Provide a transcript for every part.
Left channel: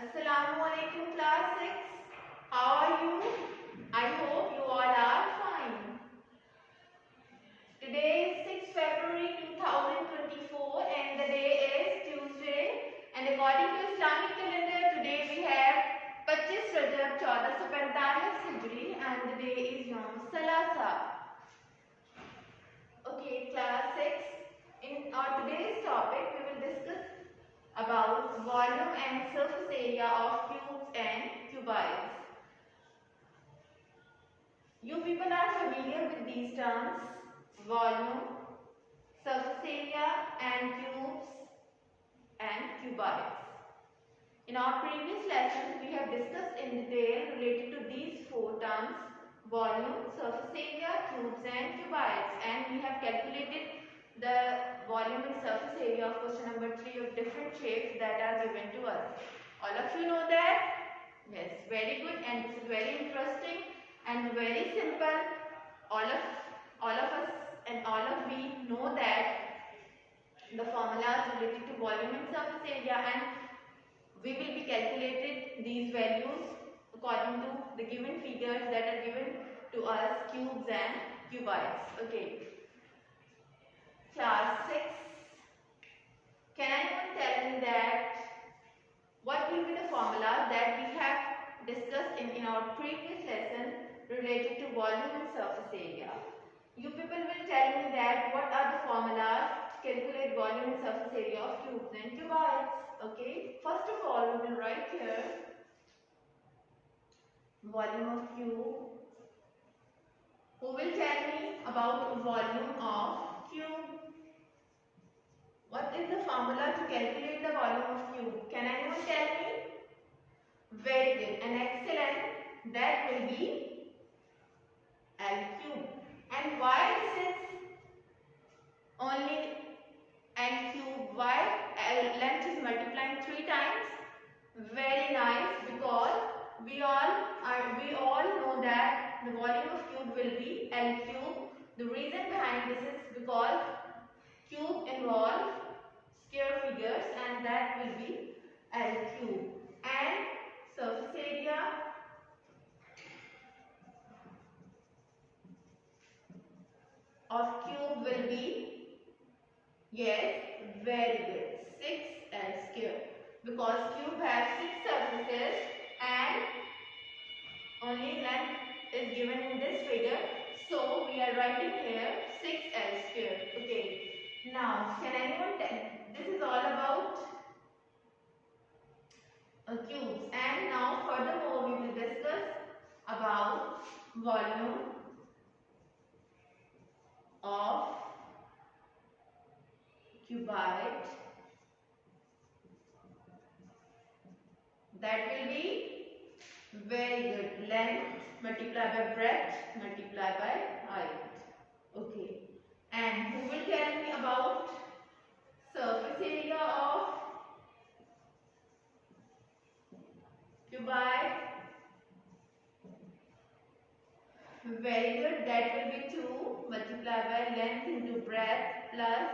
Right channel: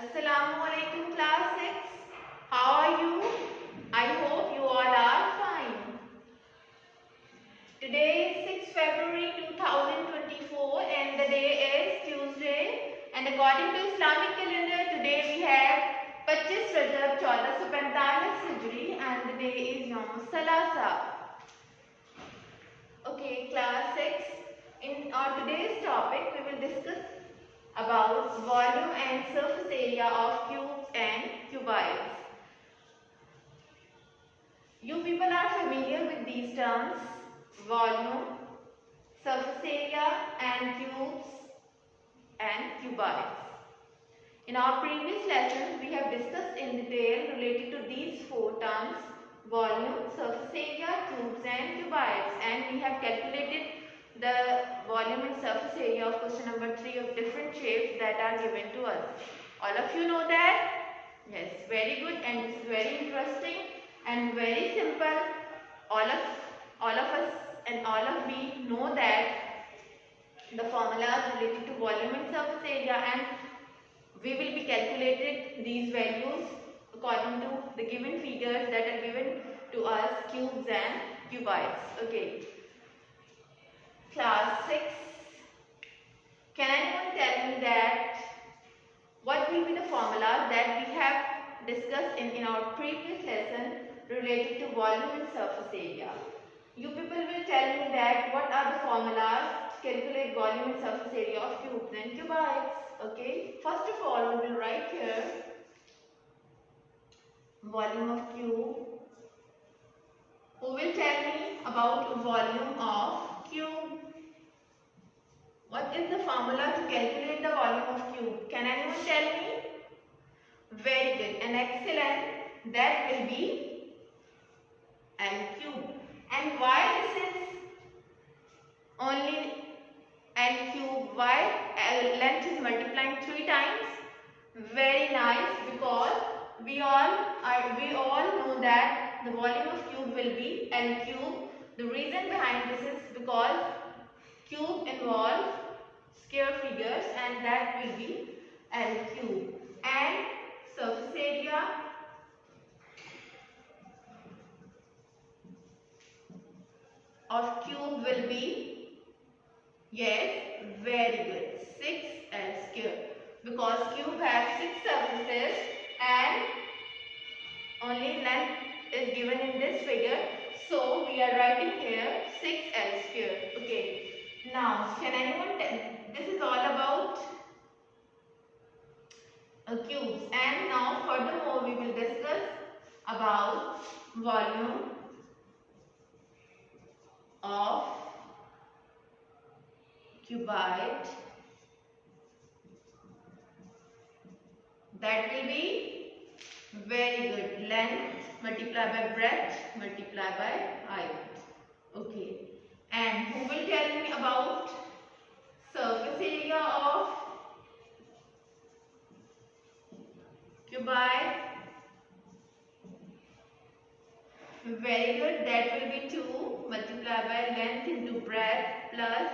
Assalamu alaikum class 6. How are you? I hope you all are fine. Today is 6 February 2024 and the day is Tuesday, and according to Islamic calendar today we have 25 Rajab 1445 Hijri and the day is Yom Salasa. Okay class 6, in our today's topic we will discuss about volume and surface area of cubes and cuboids. You people are familiar with these terms: volume, surface area and cubes and cuboids. In our previous lesson we have discussed in detail related to these four terms: volume, surface area, cubes and cuboids, and we have calculated the volume and surface area of question number 3 of different shapes that are given to us. All of you know that? Yes, very good, and this is very interesting and very simple. All of us and all of we know that the formulas related to volume and surface area, and we will be calculated these values according to the given figures that are given to us, cubes and cuboids. Okay. Class 6, can anyone tell me that what will be the formulas that we have discussed in our previous lesson related to volume and surface area? You people will tell me that what are the formulas to calculate volume and surface area of cubes and cuboids. Okay, first of all we will write here volume of cube. Who will tell me about volume of cube? What is the formula to calculate the volume of cube? Can anyone tell me? Very good and excellent. That will be L cube. And why this is only L cube? Why L length is multiplying 3 times? Very nice, because we all know that the volume of cube will be L cube. The reason behind this is because cube involves square figures and that will be L cube. And surface area of cube will be, yes, very good, 6L square, because cube has 6 surfaces and only length is given in this figure, so we are writing here 6L square. Okay. Now, can anyone tell? This is all about cubes, and now furthermore we will discuss about volume of cuboid. That will be, very good, length multiplied by breadth multiplied by height. Okay. And who will tell me about surface area of cuboid? Very good, that will be 2 multiplied by length into breadth plus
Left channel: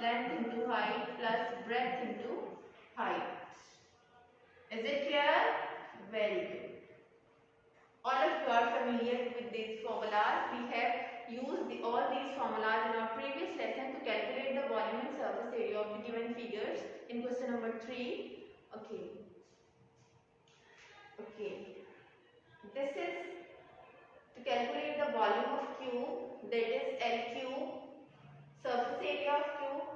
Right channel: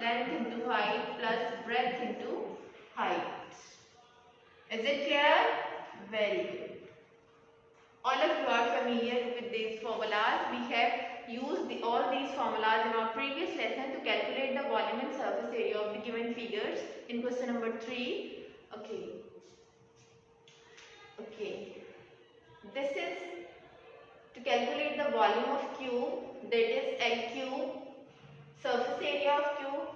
length into height plus breadth into height. Is it clear? Very good. All of you are familiar with these formulas. We have used all these formulas in our previous lesson to calculate the volume and surface area of the given figures in question number 3. Okay. Okay. This is to calculate the volume of cube, that is L cube, surface area of cube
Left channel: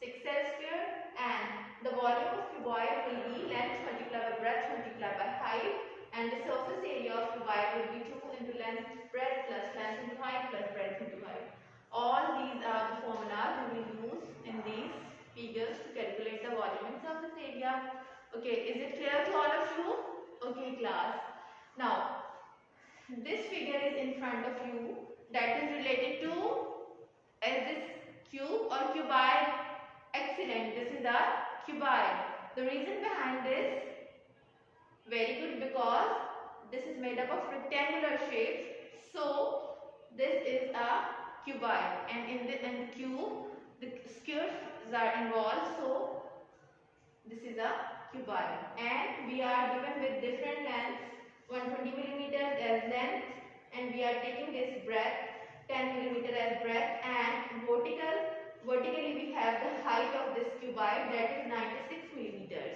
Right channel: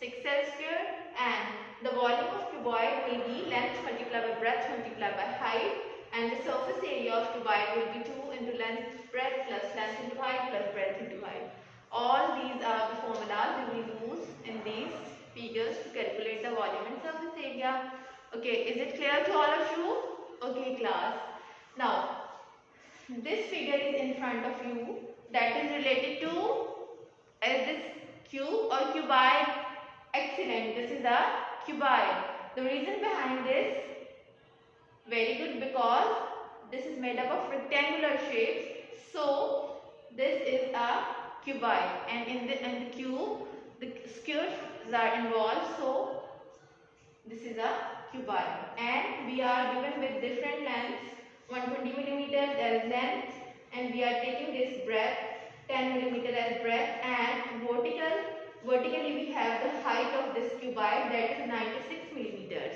6L square, and the volume of cuboid will be length multiplied by breadth multiplied by height, and the surface area of cuboid will be 2 into length breadth plus length into height plus breadth into height. All these are the formulas we will use in these figures to calculate the volume and surface area. Okay, is it clear to all of you? Okay class. Now, this figure is in front of you, that is related to, is this cube or cuboid? Excellent, this is a cuboid. The reason behind this, very good, because this is made up of rectangular shapes, so this is a cuboid, and in the cube the squares are involved, so this is a cuboid, and we are given with different lengths, 120 millimeters as length, and we are taking this breadth 10 millimeter as breadth, and vertically we have the height of this cuboid, that is 96 millimeters.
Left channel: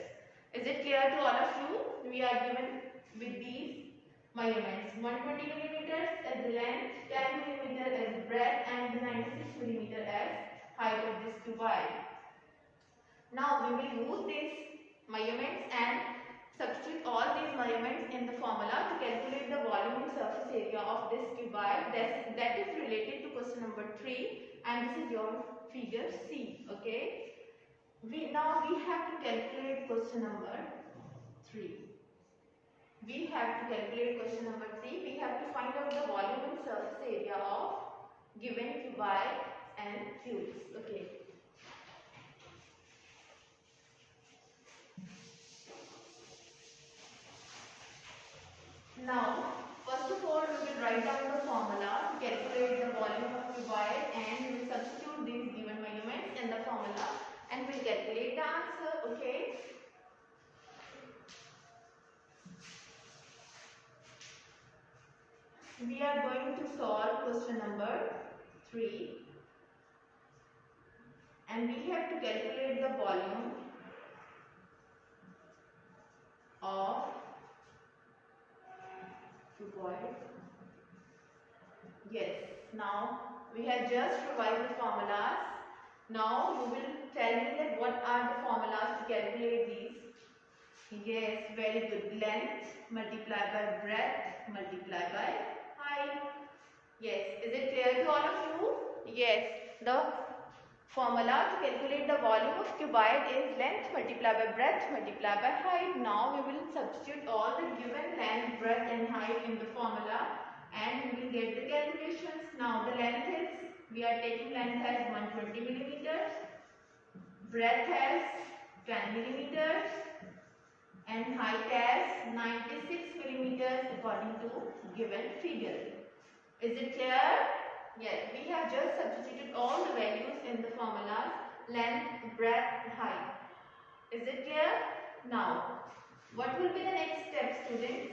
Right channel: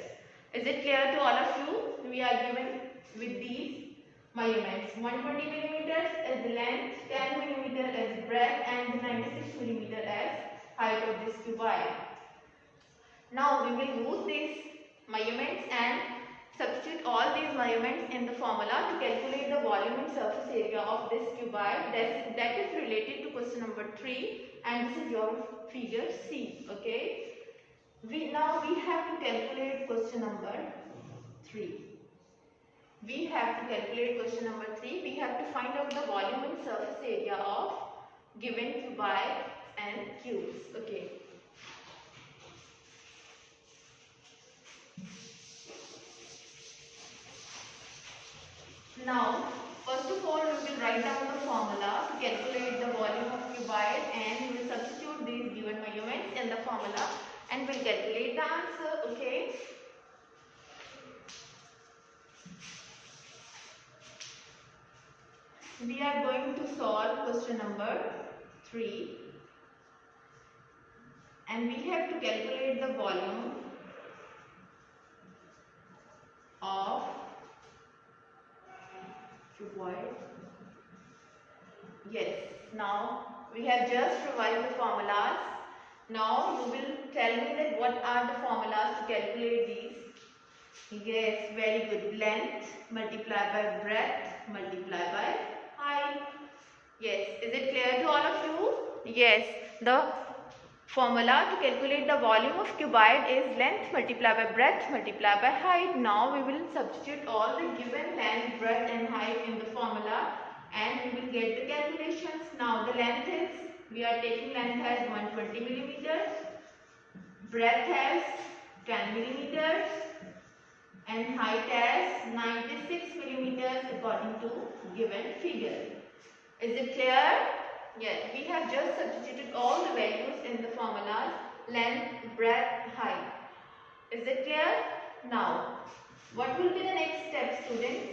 Is it clear to all of you? We are given with these measurements, 120 millimeters as length, 10 millimeter as breadth, and 96 millimeter as height of this cuboid. Now we will use these measurements and substitute all these measurements in the formula to calculate the volume and surface area of this cuboid. That is related to question number 3, and this is your figure C. Okay. Now we have to calculate question number 3. We have to calculate question number 3. We have to find out the volume and surface area of given cuboid and cubes. Okay. Now, first of all, we will write down the formula to calculate the volume of cuboid, and we will substitute these given measurements in the formula and we will calculate the answer. Okay. We are going to solve question number 3, and we have to calculate the volume of cuboid. Yes, now we have just revised the formulas. Now you will tell me that what are the formulas to calculate these. Yes, very good. Length multiplied by breadth multiplied by height. Yes, is it clear to all of you? Yes, the formula to calculate the volume of cuboid is length multiplied by breadth multiplied by height. Now we will substitute all the given length, breadth and height in the formula and we will get the calculations. Now the length is, we are taking length as 120 millimeters, breadth as 10 millimeters and height as 96 millimeters according to given figure. Is it clear? Yes, we have just substituted all the values in the formulas, length, breadth, height. Is it clear? Now, what will be the next step, students?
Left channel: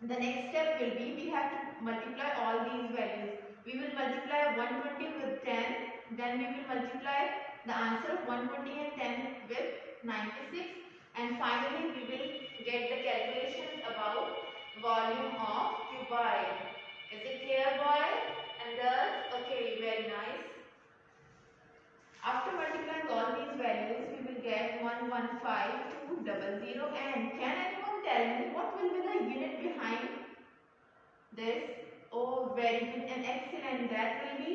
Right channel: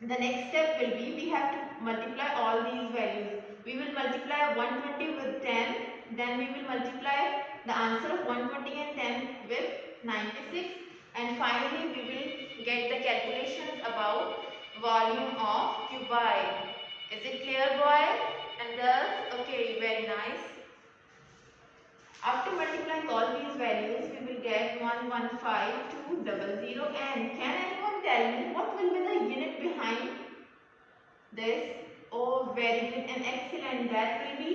The next step will be, we have to multiply all these values. We will multiply 120 with 10, then we will multiply the answer of 120 and 10 with 96, and finally we will get the calculations about volume of cuboid. Is it clear, boys and girls? Okay, very nice. After multiplying all these values, we will get 115,200. And can anyone tell me what will be the unit behind this? Oh, very good and excellent. That will be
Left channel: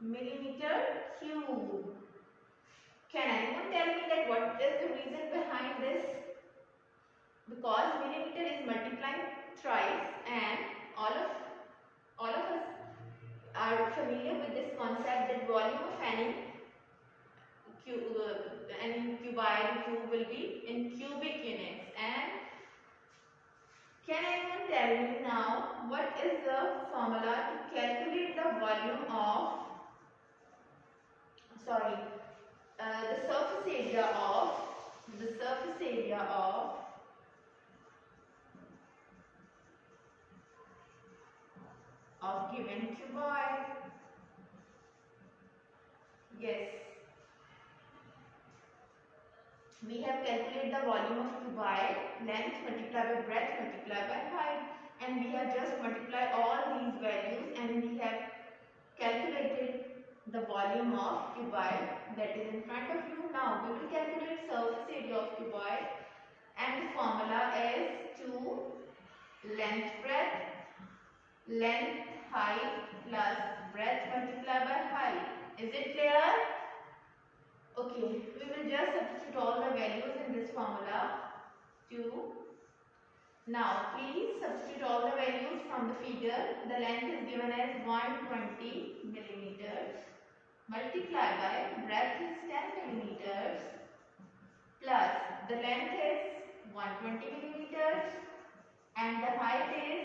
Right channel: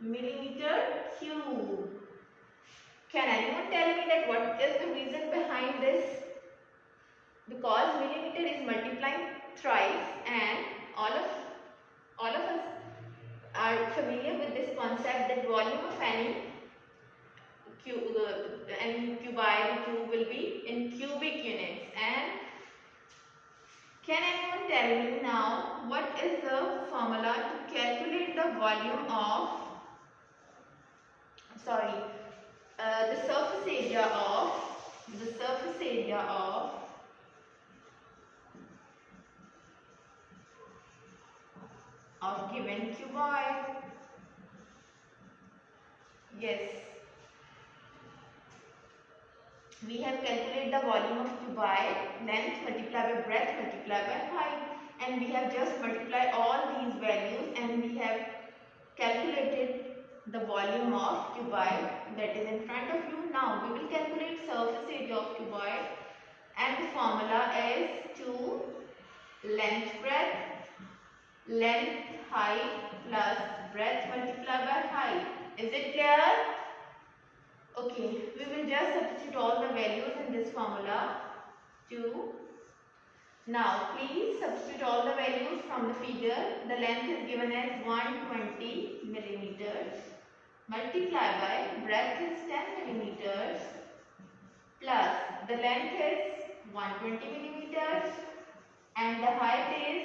millimeter cube. Can anyone tell me that what is the reason behind this? Because millimeter is multiplying thrice, and all of us are familiar with this concept that volume of any cuboid cube will be in cubic units. And can anyone tell me now what is the formula to calculate the volume of, the surface area of given cuboid? Yes, we have calculated the volume of cuboid, length multiplied by breadth multiplied by height, and we have just multiplied all these values and we have calculated the volume of cuboid that is in front of you. Now we will calculate surface area of cuboid, and the formula is 2 length height plus breadth multiplied by height. Is it clear? Okay, we will just substitute all the values in this formula. 2. Now please substitute all the values from the figure. The length is given as 120 millimeters multiplied by breadth is 10 millimeters plus the length is 120 millimeters and the height is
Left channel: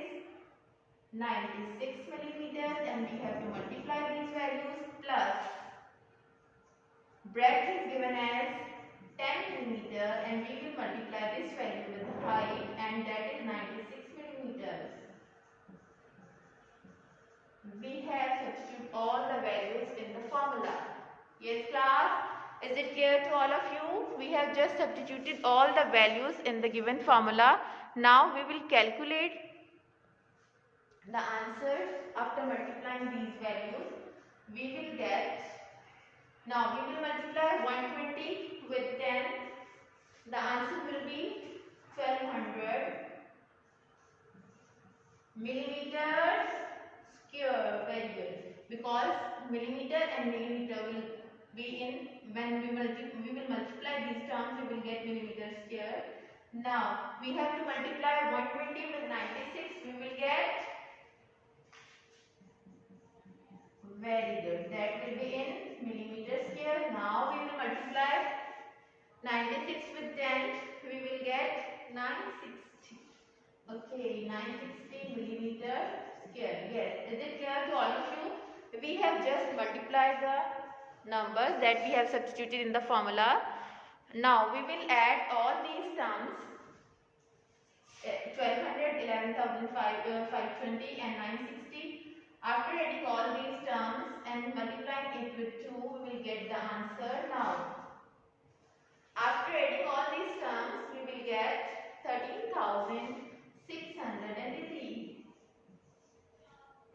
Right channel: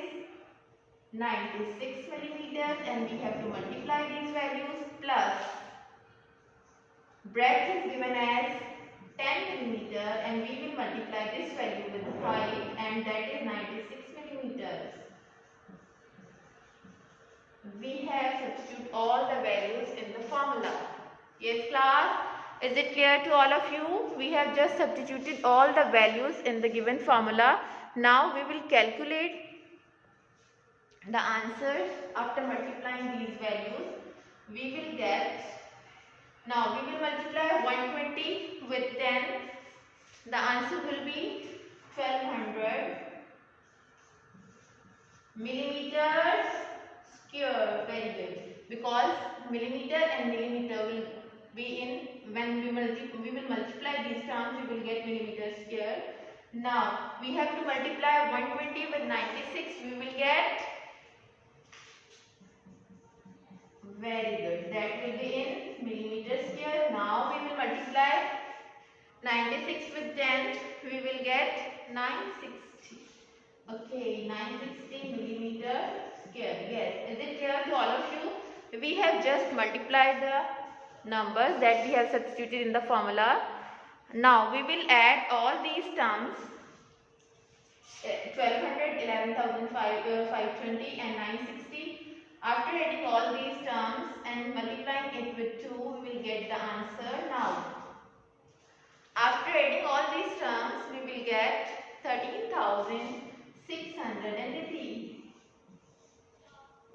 96 millimeters, and we have to multiply these values plus breadth is given as 10 millimeter, and we will multiply this value with the height, and that is 96 millimeters. We have substituted all the values in the formula. Yes class, is it clear to all of you? We have just substituted all the values in the given formula. Now we will calculate the answers after multiplying these values. We will get, now we will multiply 120 with 10. The answer will be 1200 millimeters square. Very good. Because millimeter and millimeter will be in, when we will multiply these terms, we will get millimeter square. Now we have to multiply 120 with 96. We will get, very good, that will be in millimeter square. Now we will multiply 96 with 10. We will get 960. Okay, 960 millimeter square. Yes, is it clear to all of you? We have just multiplied the numbers that we have substituted in the formula. Now we will add all these terms, 1200, 11,520 and 960. After adding all these terms and multiplying it with 2, we will get the answer. Now, after adding all these terms, we will get 13,680.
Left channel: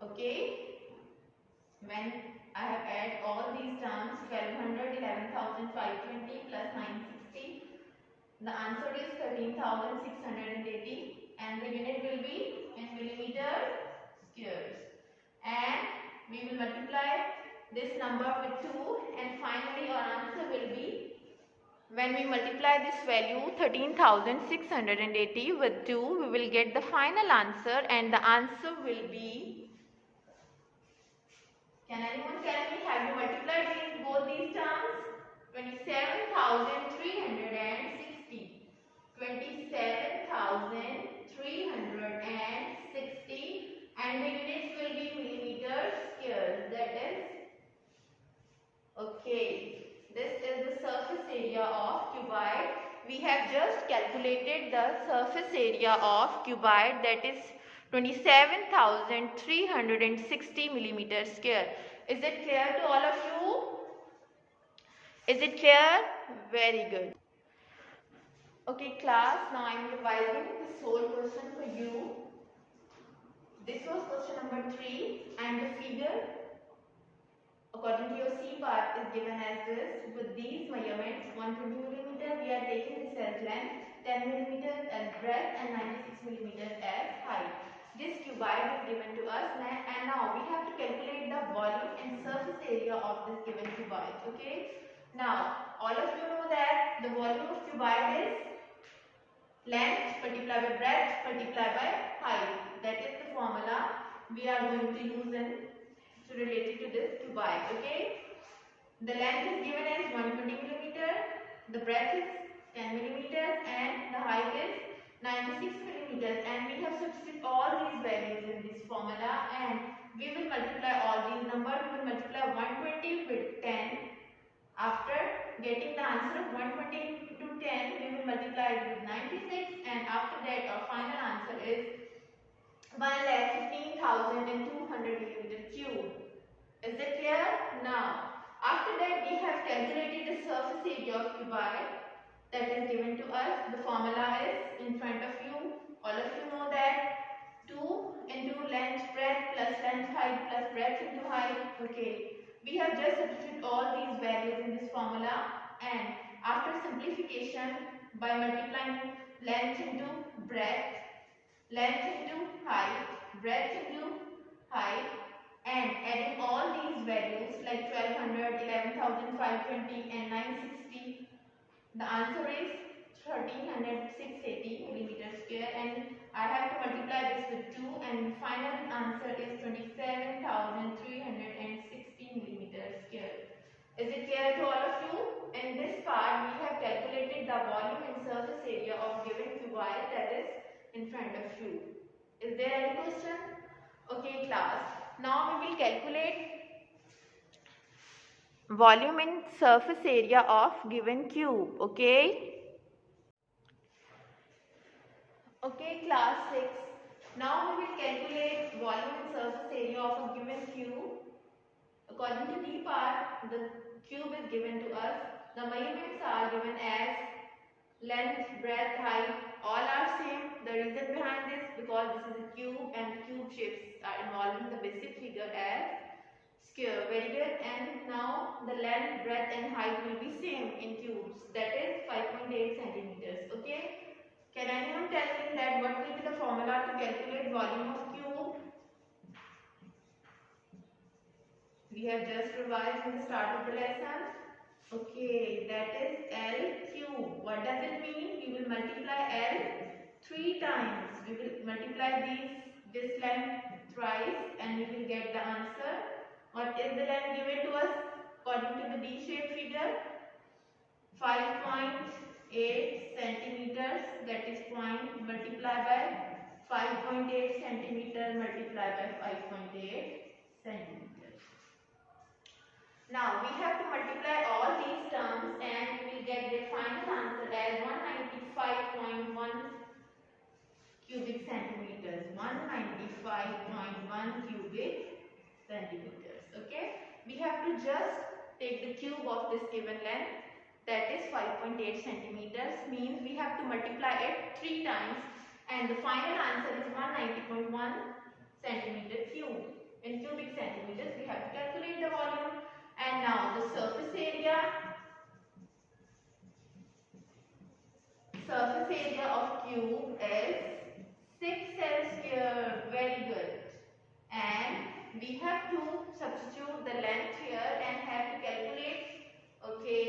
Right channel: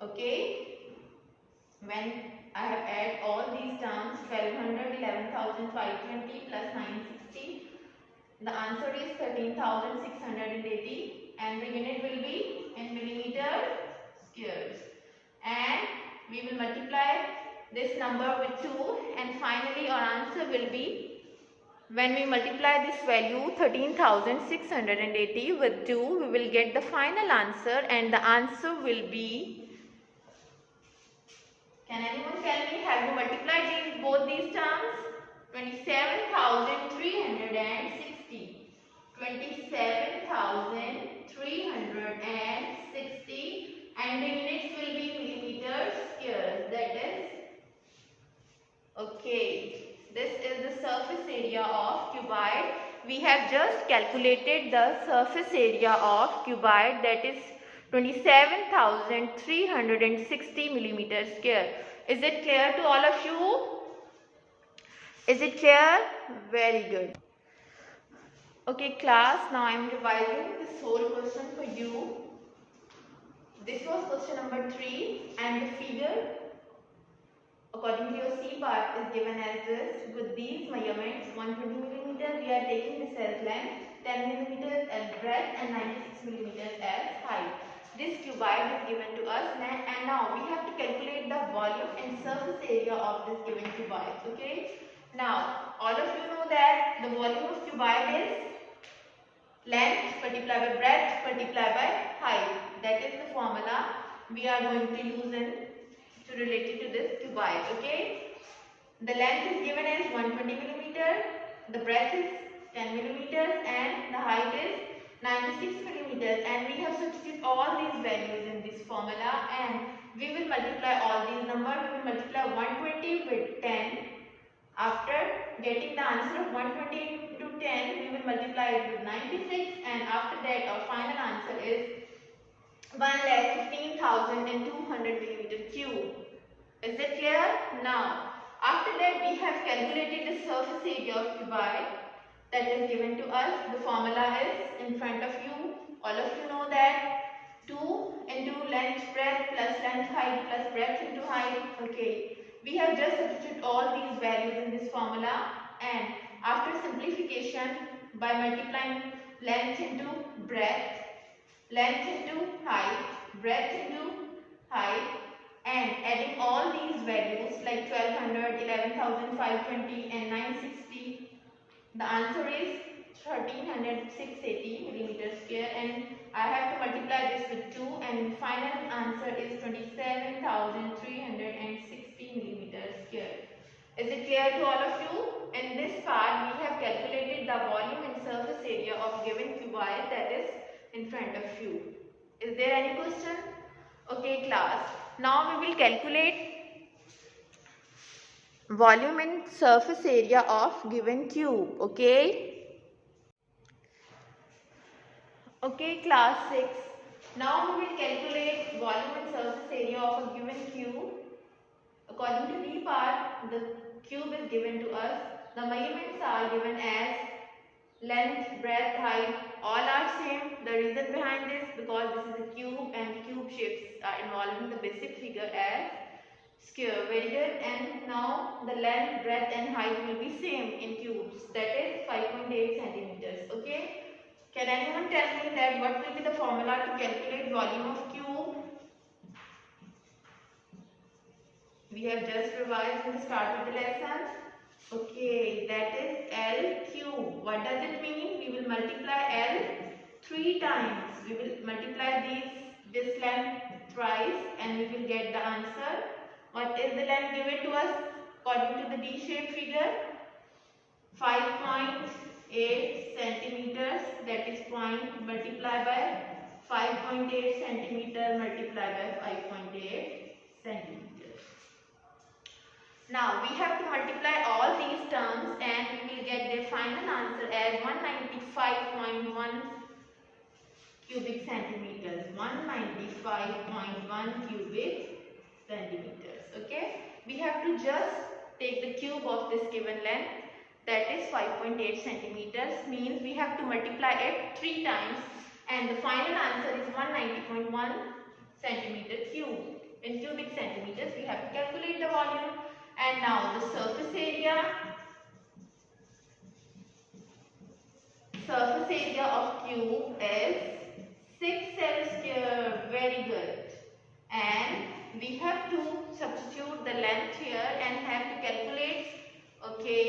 Okay, when I have added all these terms, 1200, 11,520 plus 960, the answer is 13,680, and the unit will be in millimeter squares. And we will multiply this number with 2, and finally our answer will be, when we multiply this value 13,680 with 2, we will get the final answer, and the answer will be, can anyone tell me, have you multiplied both these terms? 27,360. 27,360, and the units will be millimeters squares. That is, okay, this is the surface area of cuboid. We have just calculated the surface area of cuboid, that is 27,360 millimeters square. Is it clear to all of you? Is it clear? Very good. Okay class, now I am revising this whole question for you. This was question number 3, and the figure according to your C part is given as this. With these measurements, 120 millimeters, we are taking this as length, 10 millimeters as breadth, and 96 millimeters as height. This cuboid is given to us, and now we have to calculate the volume and surface area of this given cuboid. Okay. Now all of you know that the volume of cuboid is length multiplied by breadth multiplied by height. That is the formula we are going to use in to relate it to this cuboid. Okay. The length is given as 120 millimeter, the breadth is 10 millimeters, and the height is 96 millimeters. And we have substituted all these values in this formula, and we will multiply all these numbers. We will multiply 120 with 10. After getting the answer of 120 into 10, we will multiply it with 96, and after that our final answer is 1,15,200 millimeter cube. Is it clear? Now, after that we have calculated the surface area of cuboid that is given to us. The formula is in front of you. All of you know that 2 into length breadth plus length height plus breadth into height. Okay. We have just substituted all these values in this formula, and after simplification by multiplying length into breadth, length into height, breadth into height, and adding all these values like 1200, 11,520 and 960, the answer is 13,680 millimeters square, and I have to multiply this with 2, and final answer is 27,360 millimeters square. Is it clear to all of you? In this part, we have calculated the volume and surface area of given cuboid that is in front of you. Is there any question? Okay class. Now we will calculate volume and surface area of given cube. Okay. Okay, class 6. Now we will calculate volume and surface area of a given cube. According to D part, the cube is given to us. The measurements are given as length, breadth, height, all are same. The reason behind this, because this is a cube and cube shapes are involved in the basic figure as square. Very good. And now the length, breadth and height will be same in cubes, that is 5.8 centimeters. Okay. Can anyone tell me that what will be the formula to calculate volume of cube? We have just revised in the start of the lesson. Okay, that is L cube. What does it mean? We will multiply L 3 times. We will multiply this length thrice and we will get the answer. What is the length given to us according to the D-shaped figure? 5.8 centimeters, that is point multiplied by 5.8 centimeter multiplied by 5.8 centimeters. Now we have to multiply all these terms and we will get the final answer as 195.1 cubic centimeters. 195.1 cubic centimeters. Okay. We have to just take the cube of this given length, that is 5.8 centimeters, means we have to multiply it 3 times and the final answer is 190.1 centimeter cube. In cubic centimeters we have to calculate the volume. And now the surface area of cube is 6L square. Very good. And we have to substitute the length here and have to calculate. Okay,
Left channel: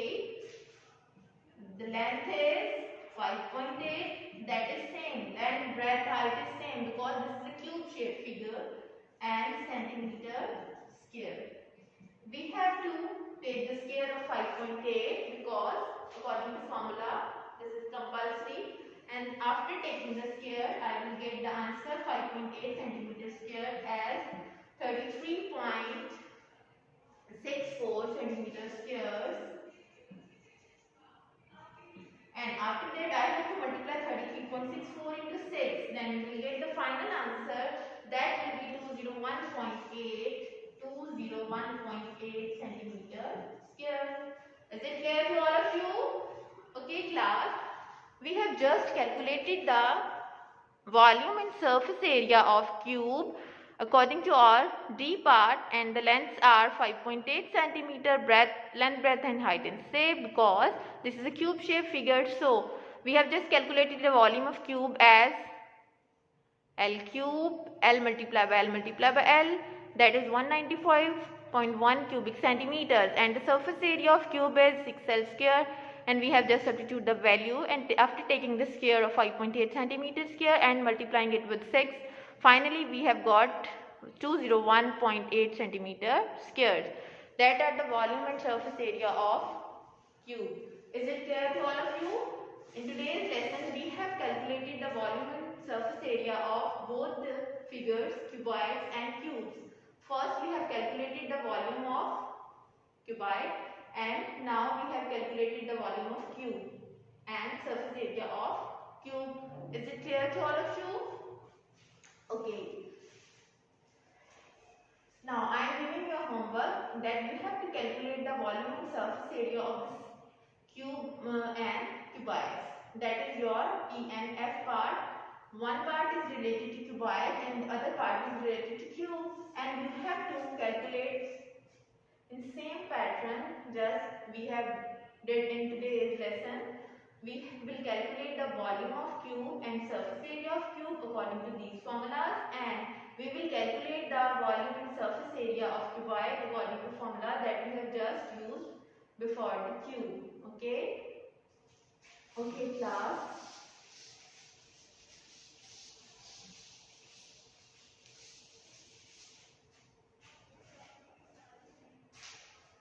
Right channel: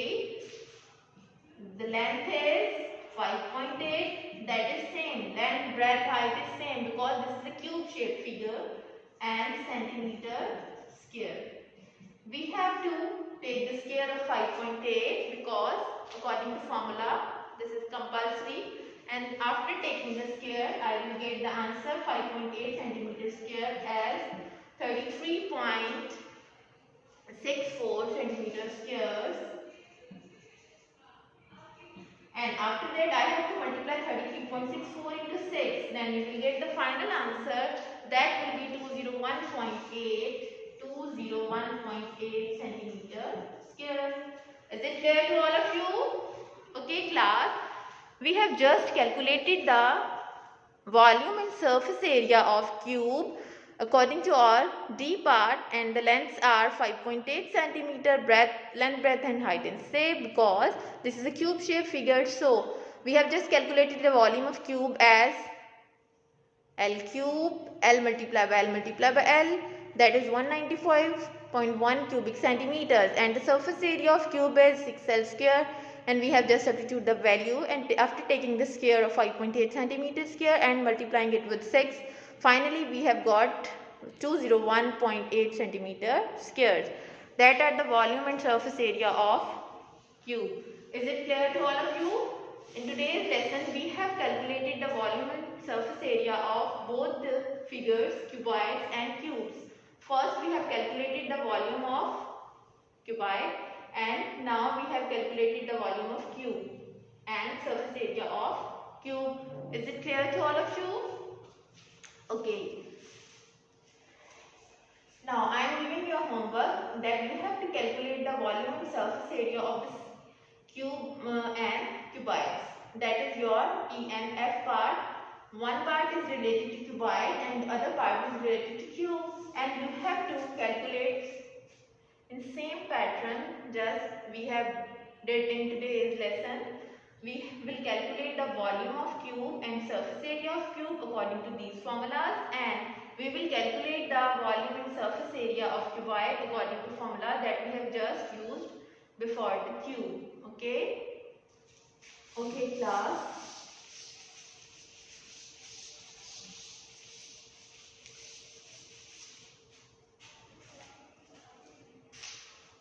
the length is 5.8, that is same. Length, breadth, height is same because this is a cube shaped figure, and centimeter square. We have to take the square of 5.8 because according to formula this is compulsory, and after taking the square I will get the answer 5.8 centimeter square as 33.64 centimeter squares. And after that I have to multiply 33.64 into 6. Then we will get the final answer, that will be 201.8 centimeter square. Is it clear to all of you? Okay class, we have just calculated the volume and surface area of cube according to our D part, and the lengths are 5.8 centimeter, length, breadth and height and same because this is a cube shaped figure. So we have just calculated the volume of cube as L cube, L multiplied by L multiplied by L, that is 195.1 cubic centimeters, and the surface area of cube is 6L square, and we have just substituted the value, and after taking the square of 5.8 centimeters square and multiplying it with 6, finally we have got 201.8 centimeter squares. That are the volume and surface area of cube. Is it clear to all of you? In today's lesson we have calculated the volume and surface area of both the figures, cuboids and cubes. First we have calculated the volume of cuboid, and now we have calculated the volume of cube and surface area of cube. Is it clear to all of you? Okay. Now I am giving you a homework that you have to calculate the volume and surface area of this cube and cuboids. That is your E and F part. One part is related to cuboid and the other part is related to cube, and you have to calculate in same pattern just we have did in today's lesson. We will calculate the volume of cube and surface area of cube according to these formulas, and we will calculate the volume and surface area of cuboid according to formula that we have just used before the cube. Okay? Okay class.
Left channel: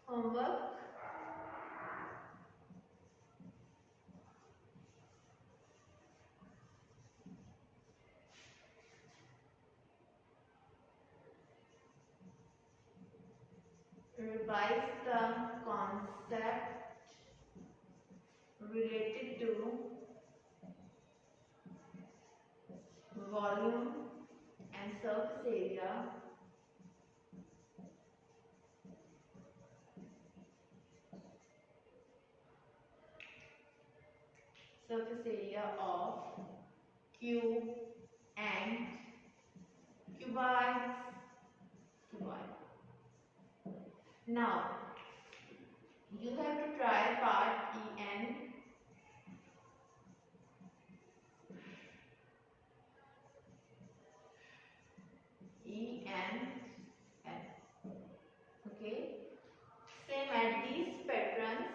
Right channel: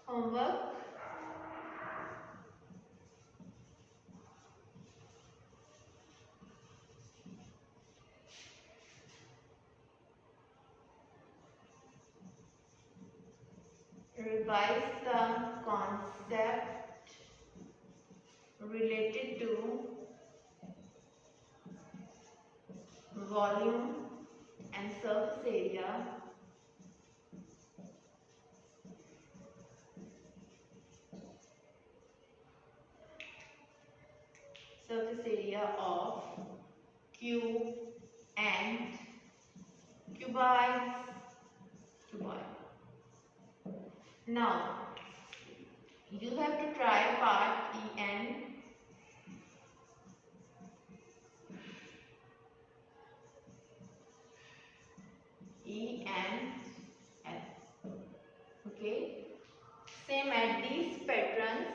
Homework. Revise the concept related to volume and surface area of cube and cuboids. Now you have to try part E and F. Okay. Same at these patterns,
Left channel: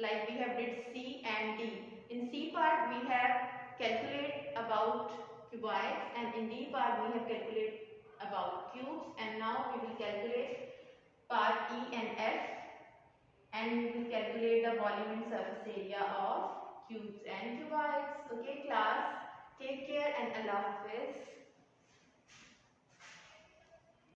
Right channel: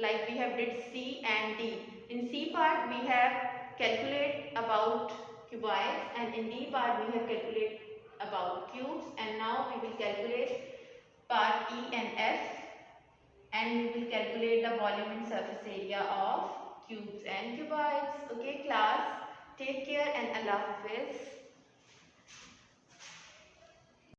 like we have did C and D. In C part we have calculate about cuboids, and in D part we have calculate about cubes, and now we will calculate part E and F, and we will calculate the volume and surface area of cubes and cuboids. Okay class, take care and Allah Hafiz.